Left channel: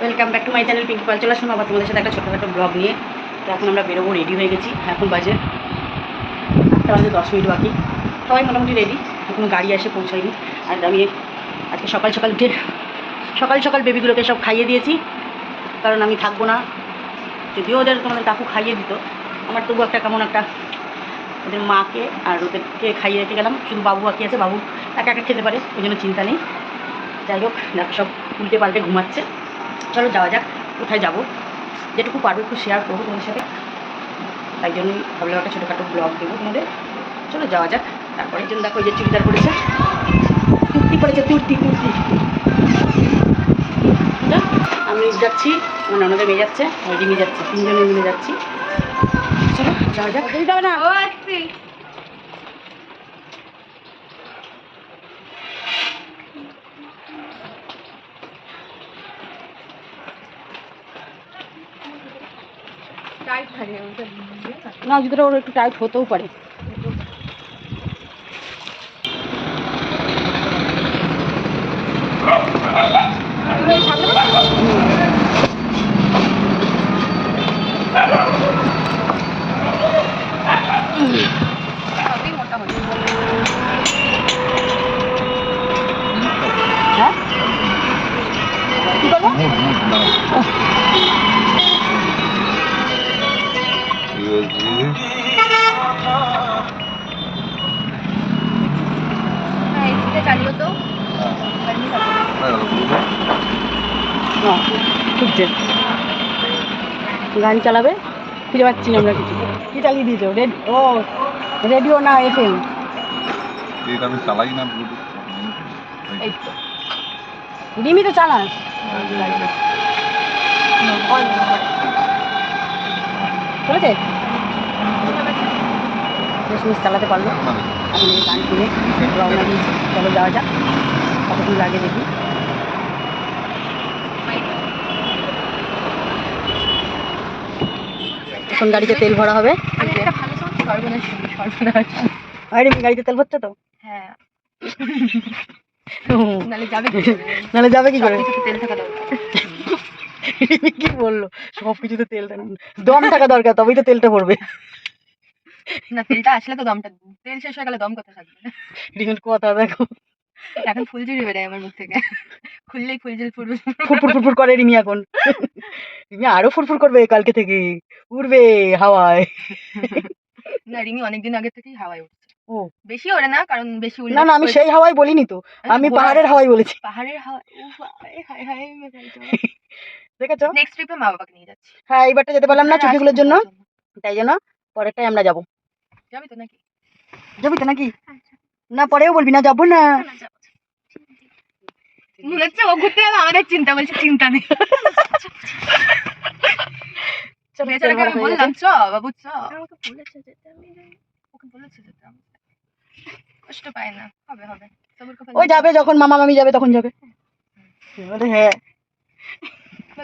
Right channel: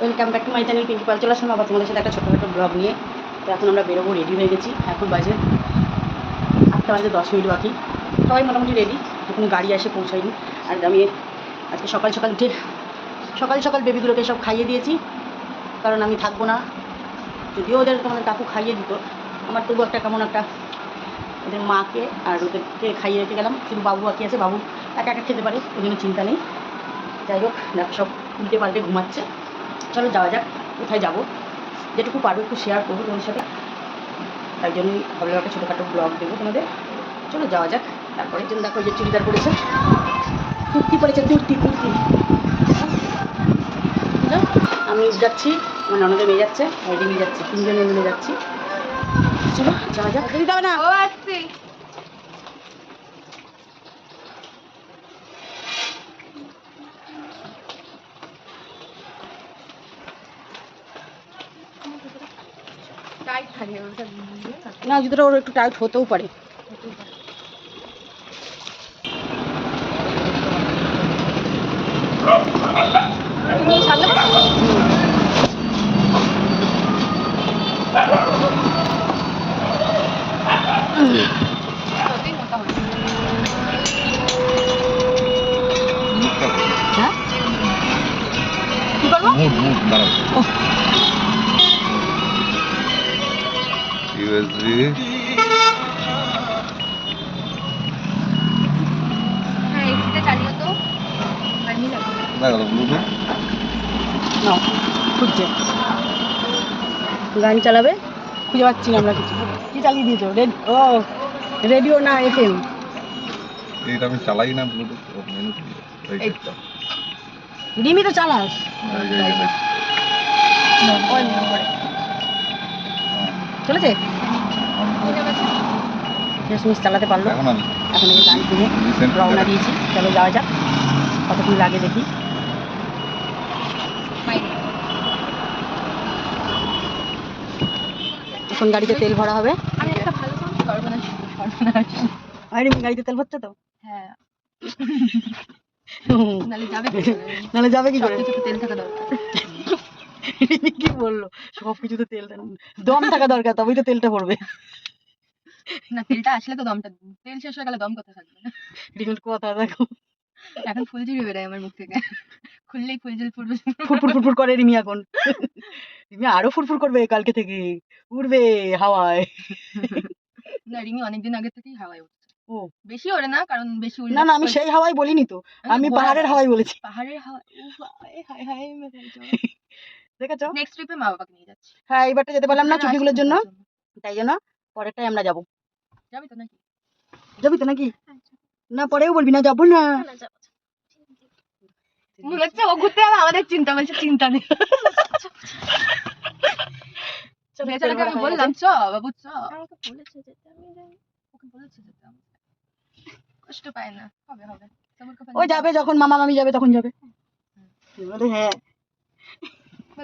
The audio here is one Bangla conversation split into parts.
Welcome back to my channel pink Pal চলে আসলাম আবার তোমাদের সাথে একটা ছোটোখাটো ব্লগ নিয়ে। তো এখন আমরা বেরোবো রেডি হয়ে গেছি। এখন বাজে আটটা বাজে, দশ মিনিট বাকি। সবাই মোটামুটি রেডি এখন গাড়ি এসে পৌঁছায়নি। আর আমি আজকে সকাল সকাল উঠে সকাল সকাল বেবিগুলোকে সব খাইয়ে দিয়েছি। কারণ আমি থাকব না। যদিও ওদের তোমাদের কাকু খাইয়ে দিত। আমার তবু একটা কেমন একটা ওদের মাকে আর ওদেরকে খাইয়ে রেখে গেলাম। শুধু বাবু বাকি আছে। বাবু একা একা খেতে পারে, ওই জন্য চিন্তা নেই। যাই হোক, দেখো সব উল্টে পাল্টে ঘুমাচ্ছে। চলো যাওয়া যাক কোথায় যাব? যেটুকু পারব একটু শেয়ার করব তোমাদের সাথে। তাই জন্যই ভাবলাম একটা ছোটোখাটো ব্লগ দেবো তোমাদের। চলো যাওয়া যাক তারপরে জন্য দেখো ওই যে চুড়িদার পরেছে। কুর্তি পরেছে কুর্তি কুর্তি বুঝলো? আমি যাচ্ছি আমার ননদে মেয়ে যাচ্ছে রিমি যাচ্ছে তিনজনে মিলে যাচ্ছি। চলো যাওয়া যাক। না ও আসছি। না জুতোটা ওর একটু টাইট হতেও পারে। হ্যাঁ? কি করব? খুঁজছে গান চালাবে খুঁজে পাচ্ছি না আমরা কিছু কি চালিয়ে দিয়েছ রেড ও রেডিও না এফ এম এটা আমি চালাই না ব্লুটুথ রিমি তো চালাস চলেছে বেশ মিস চালাতে পারল। এখন এই গান কিনে রওনা দিয়েছি। চলো যাওয়া যাক। কতক্ষণ লাগে দেখি। এখন গাড়িতে তেল ভরা হবে। আর গাড়িতে তেল ভরছে তো? হ্যাঁ। নালে যাবে কি করে? কি করে? সবকিছুতে তেল থাকা দরকার। কি বলল? সব কিছুতে তেল দম থাকা দরকার তবেই তো তেলটা ভরবে। না তেলটা আসলে তো দমটা তেল শেষ হয়ে গেলে দম কোথা থাকবে? রিমির কথা দেখো। এখন ফুলঝুরি বেরোয় আমার মুখ থেকে। খুললেই ফুলঝুল ফুটবে। ফুরফুর ফুরফুর করে রিমি এখন। রিমি আরও ফুরফুর করবে কালকে থেকে। উড়বে হাওয়ায়। না রিমি অনেকদিন আগে থেকেই হাওয়ায় উঠছে। ও। বেশি ওড়ে না কারণ বেশি উড়লে না না আমি সেই হাওয়াই বলিনি তো। আমি পাহাড়ের হাওয়াই বলেছি। পাহাড়ের হাওয়া উফ, আয়, হায় হায় দেখেছ? নেক্সট ট্রিপে মা বাবাকে নিয়ে যাচ্ছি। হ্যাঁ এইবারটা যেতে পারলাম না ছুটিগুলোর জন্য। তাই জন্য পরেরটাই আমরা যাব। যাবি তো নাকি? যাবি তো নাকি? না পরেও বলবি না যাব না। মনে হচ্ছে ও ঘুরতে যাবে আমাদের চিন্তা বলছে চিন্তা নেই। বেচারাকে আমি বললাম চ বাবু চ ওকে বলেছে যেতে আমি কষ্ট পায় না হবে হবে। ও যাবে যখন মামা মামি যাবে তখন যাবে। হ্যাঁ।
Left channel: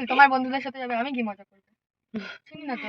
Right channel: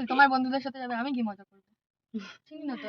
তোমার বন্ধুদের সাথে যাবে আমি কি মজা করব। চিনি না তো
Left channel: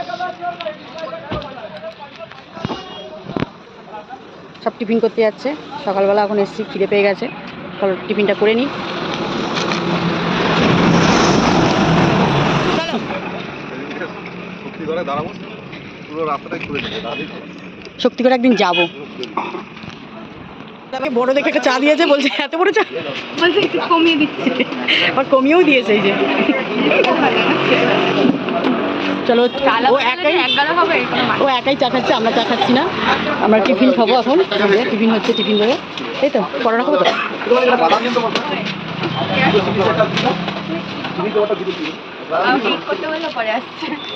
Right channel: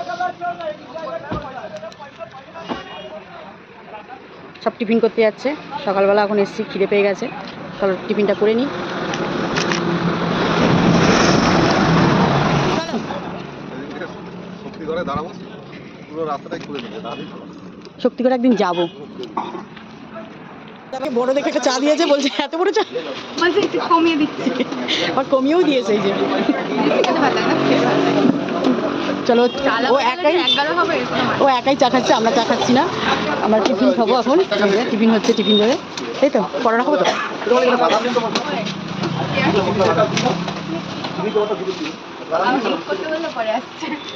সব টিফিন করতে যাচ্ছে। সকালবেলা এখন এসছি খিদে পেয়ে গেছে। চলো টিফিনটা করে নিই। শক্তি করে একদিন যাব। বড় দেখে একটা চা দিয়েছে বলছে এত বড় চা? বলছে একটু কমিয়ে দিচ্ছি। আর কমিয়েও দিয়েছে এই যে। চলো ও একাই মানে ও একাই চা খাচ্ছে আমরা চা খাচ্ছি না। আমরা টিফিন খাব এখন। টিফিন হচ্ছে টিফিন ধরে এই তো পরোটা খাব তো?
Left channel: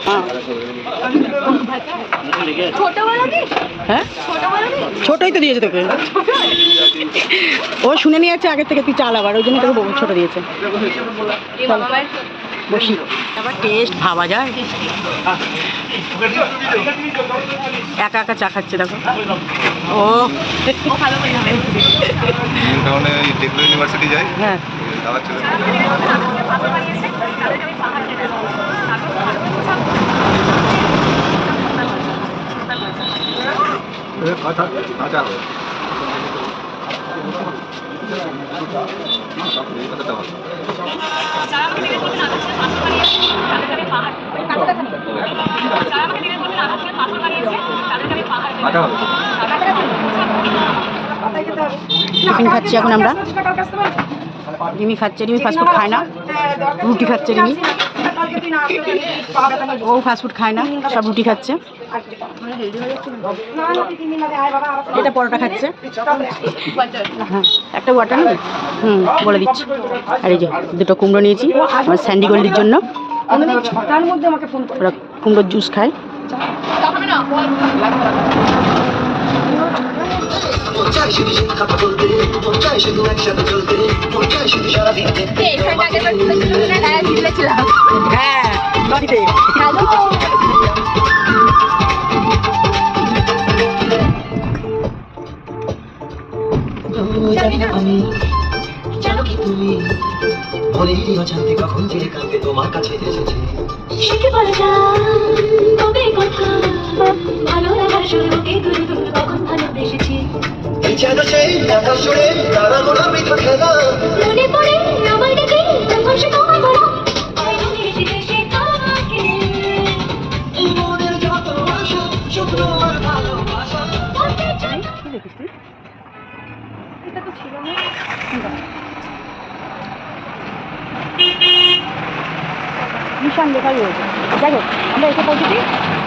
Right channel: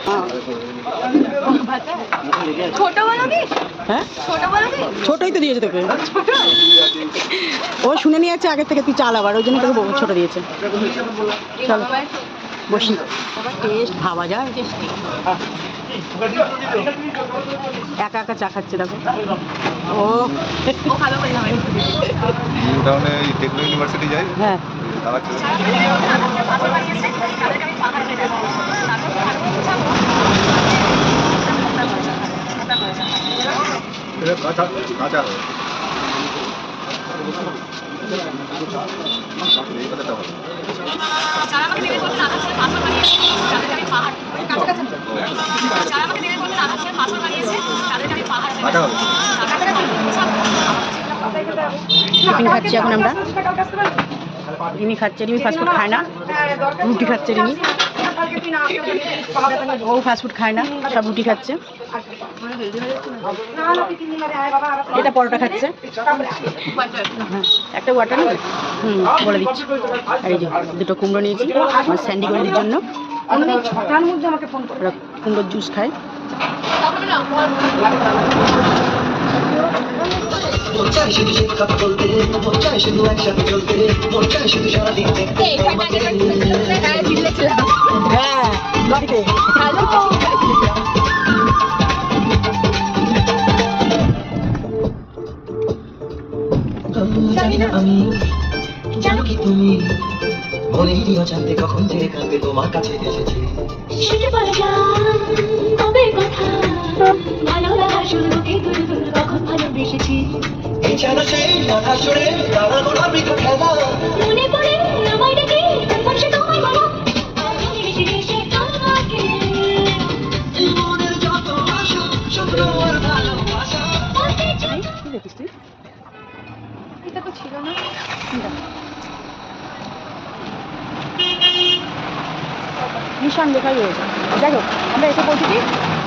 হ্যাঁ। হ্যাঁ? ছোট ছোটই তো দিয়েছে তোকে। ও শুনে নিয়েছে আগের থেকে তুই চাল আবার ওই জন্য তোকে ছোট দিয়েছে। বসি আবার টেস্ট ভাবা যায়। একা একা চা খাচ্ছে দেখো। ও। ও ভালো করে ইউনিভার্সিটি যাই। হ্যাঁ। আচ্ছা। টিফিন খাচ্ছি এখন আমরা। রিমি খাচ্ছে রিমি ফাস্টফুড খায় না। রুটি খাচ্ছে রিমি ও ফাস্টফুড খায় না, সব রুটি খাচ্ছে। এটা পরোটা খাচ্ছে। একটা ওয়াটার হুম বলে দিচ্ছি। আর এই যে দুটো কুমড়ো নিয়েছি আমার স্যান্ডি গোল্ডির জন্য। কুমড়োর জুস খায়। হ্যাঁ বাড়িতে আমি জানো কি? তুমি বলেই অজান্তে কখন যে কাঁদে তোমার কাছে এসেছে? সেটা বলে যান তবে কথা। ভালো লাগার শুরুতে গুরু গুরু কখন ভালোবেসেছি? এই যেন সেই কথা শুনে তারা গোড়া মৃত খেলা। নিশান লেখাই রয়েছে। যাই হোক আমরা এসে পৌঁছেছি।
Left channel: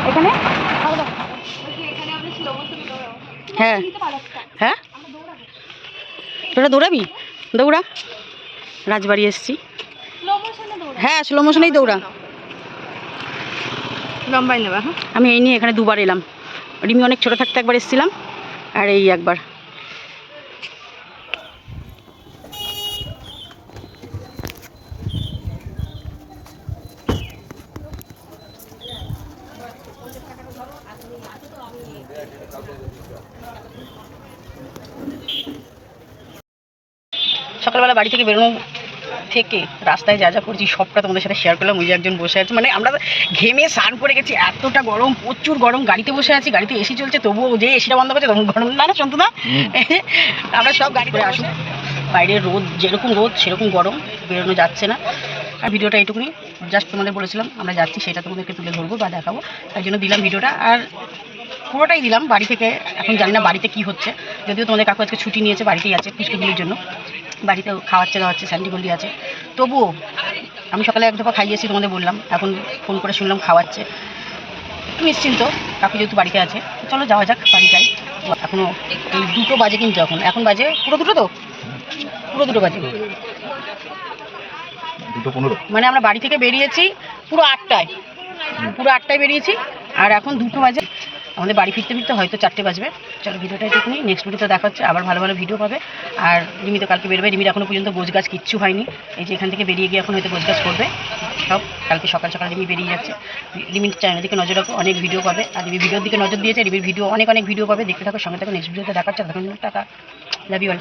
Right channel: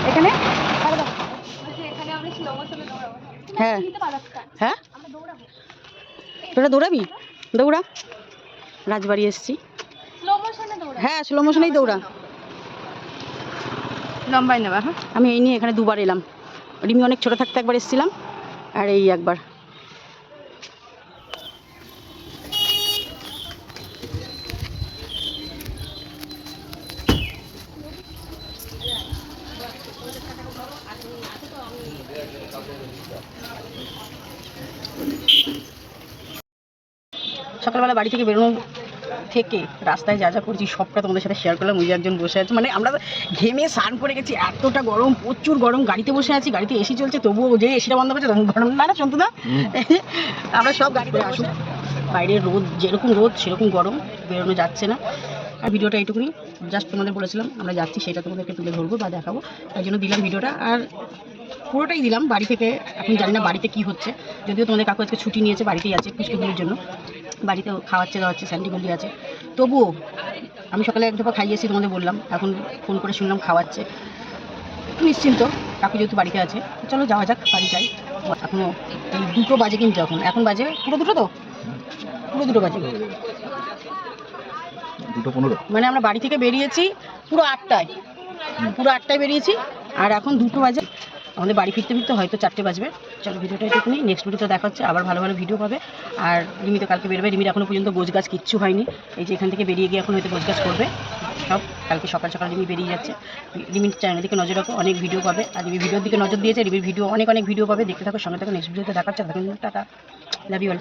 এখানে খাওয়া দাওয়া। বলছি এখানে আমরা স্লো মোশনে দৌড়াবো হ্যাঁ। নিতে পারো একটা। হ্যাঁ? আমরা দৌড়াবো। তোরা দৌড়াবি? দৌড়া। রাজবাড়ি এসছি। স্লো মোশনে দৌড়াবো। হ্যাঁ স্লো মোশনেই দৌড়া। লম্বাই নেবা হ্যাঁ? আমি এই নিয়ে এখানে দুবার এলাম। রিমি অনেক ছোটো থাকতে একবার এসেছিলাম। আর এই একবার। সকালবেলা বাড়ি থেকে বেরোনো থেকে রাস্তায় যা যা করছি সবটা তোমাদের সাথে শেয়ার করলাম। ওই যে একজন বসে আছে। মানে আমরা ঘেমে স্নান করে গেছি এতটা গরম প্রচুর গরম গাড়িতে বসে আছি গাড়িতে এসি চলছে তবুও যে এসিটা বন্ধ করছে তখন গরম। না না শুনতো না। আমরা সব গাড়ি করে আসুন বাইরের রোদ যেরকম রোদ সেরকম গরম বেরোনো যাচ্ছে না। আর ভিডিওটা এইটুকুনি জাস্ট তোমাদের বলেছিলাম, আমরা যাচ্ছি, সেটা তোমাদেরকে তুলে ধরবো বা দেখাবো। তাই জন্য দিলাম ভিডিওটা, আর পুরোটাই দিলাম বাড়ি থেকে, এখন জানি না বাড়িতে কি হচ্ছে। যদিও তোমাদের কাকু আজকে ছুটি নিয়েছে, বাড়িতেই আছে পুষ্টিগুলির জন্য। বাড়িতে খাওয়াচ্ছে, দাওয়াচ্ছে, স্যান্ডি গলি আছে। তবুও আমি সকালে এক দফা খাইয়েছি, তোমাদের বললাম, এখন ফোন করে শুনলাম খাওয়াচ্ছে। একটু নিশ্চিন্ত, কাকু যেহেতু বাড়িতে আছে, চলো যাওয়া যাক, বাড়ি যাই। এখনও দুটো বাজে কিন্তু এখন এখন বাজে পুরো দুটো তো? পুরো দুটো বাজে। দুটো পনেরো। মানে আমরা বাড়ি থেকে বেরিয়েছি পুরো আটটায়। পুরো আটটায় বেরিয়েছি। আর এখন দুটো বাজে। আমাদের বাড়ি ফিরতে ফিরতে হয়তো চারটে বাজবে। চলো ভিডিওটা একটুখানি নেক্সট ভিডিওতে দেখা হচ্ছে। আবার ভালো ভালো ভিডিও পাবে। আর রিমি তো কালকে বেরোবে। রিমির এখনও পর্যন্ত গোছ গাছ কিচ্ছু হয়নি। এই যে এখান থেকে বেরিয়ে গিয়ে এখন হয়তো গোছ গাছ করবে। সব কালকে সকাল সকাল রিমি বেরিয়ে যাচ্ছে। রিমির চ্যানেলের দিকে নজর রাখো। অনেক ভিডিও পাবে। আর রিমি ভিডিওর দিকে নজর দিয়েছে। রিমির ভিডিও অনেক অনেক ভিডিও পাবে। দেখতে থাকো। সঙ্গে থাকো। নেক্সট ভিডিওতে দেখা হচ্ছে। তখন টাকা লাভ ইউ অল